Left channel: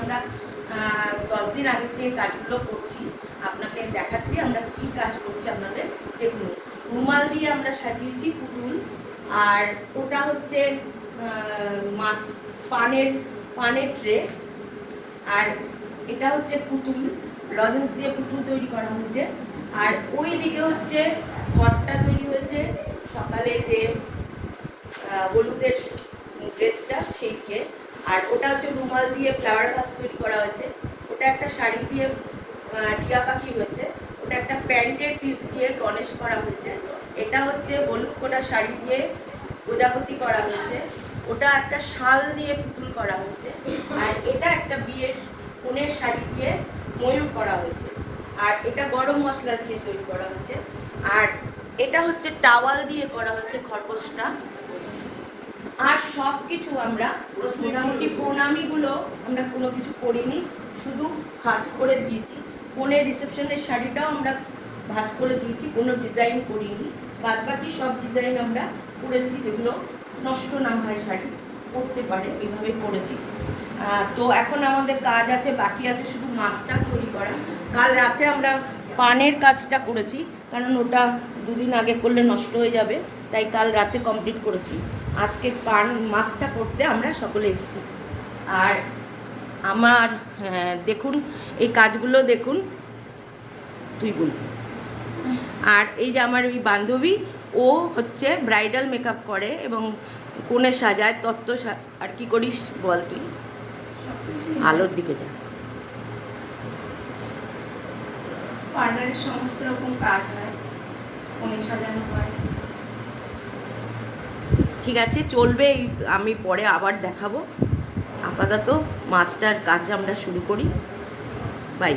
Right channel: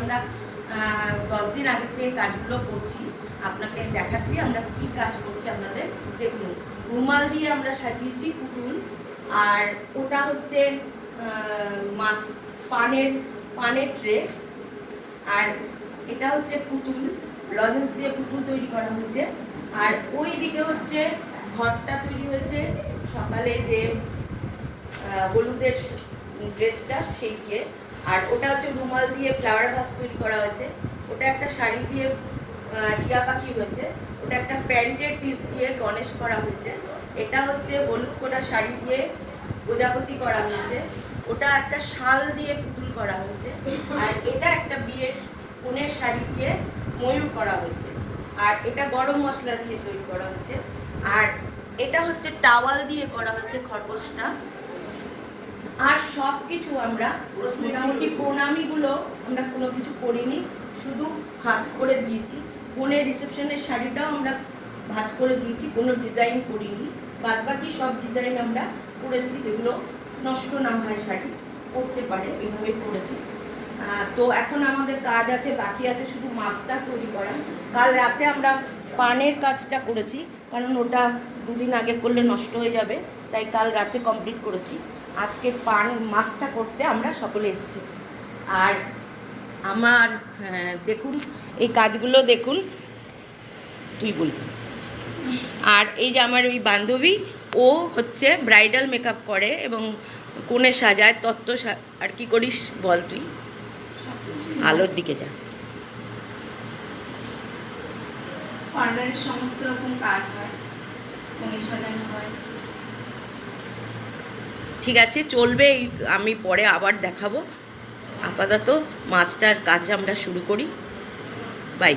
আমরা 10 দিন আগে থেকে কাজগুলো করছি, আপনাকে দেখাচ্ছি আমরা কি কাজ করছি। আপনাদের দেখুন, রুমাল দিয়ে আমরা সাজিয়েছি পুতুল, আর ওটা হচ্ছে পানের ট্রে, আর এটা হচ্ছে পুতুল, লজেন্স দিয়ে পুতুল তৈরি করা হচ্ছে। আর ওই দিকে হচ্ছে ঘরটা তৈরি হয়েছে সকালে যে হলুদের ড্রেসটা সেইকে। আর ওটা হচ্ছে রুমাল দিয়ে ফ্লাওয়ার ভাস তৈরি করা হয়েছে। ওটা একটা শাড়ি দিয়ে টিয়া পাখি হয়েছে। ওটা একটা প্যান্টের পিস দিয়ে গণেশ করা হয়েছে। এটা হচ্ছে হলুদ করা শাড়ি দিয়ে প্রজাপতি করা হয়েছে। ওটা একটা শাল দিয়ে পুতুল করা হয়েছে। আর এটা একটা বিয়ের কনের শাড়ি দিয়ে ময়ূর করা হয়েছে। আর এটা গরম মশলা দিয়ে তৈরি করা হয়েছে। আর এটা হচ্ছে টাওয়াল দিয়ে করা হচ্ছে খরগোশটা। আর সব কিছু আমরা মোটামুটি প্রণামীগুলো আমরা কোনো কিছু করিনি, শুধু ভাঁজ করে দিয়েছি। কনের রিসেপশনের শাড়িটাও আমরা ভাঁজ করে দিয়েছি, কোনো ডিজাইন করিনি। বাদ বাকি সব ডিজাইন আমরা করেছি, যেগুলো নষ্ট না হয় শাড়ি করতে পারে, এইভাবে করেছি। তো এখন আমাদের কাজ আছে, বাকি আছে শুধু মাছটা তৈরি করা। কাল রাতে আমরা পানের কাজটা করেছি, কারণ ওটা 2 দিন আগে করলে নষ্ট হয়ে যাবে, তাই কাল রাতে কমপ্লিট করেছি। আজকে মাছটা করতে আমরা সকলে এসেছি। আর আমার দেখুন এই কাজগুলো দেখুন, তুই বলবি। আর এই যে আমার ওই বান্ধবী, ও হচ্ছে ব্রাইডাল মেকআপ করে এবং কোণে সাজায়, তত্ত্ব। আর কি করিস বল তুই, আলোর দিকে যা। পার্লারের সমস্ত রকম কাজ হয়, কোণে সাজানো হয়। ঠিক আছে, চলবে। আমি পরে আবার দেখাবো। আপাতত মাস্টার কাজ আমরা শুরু করি। বাই।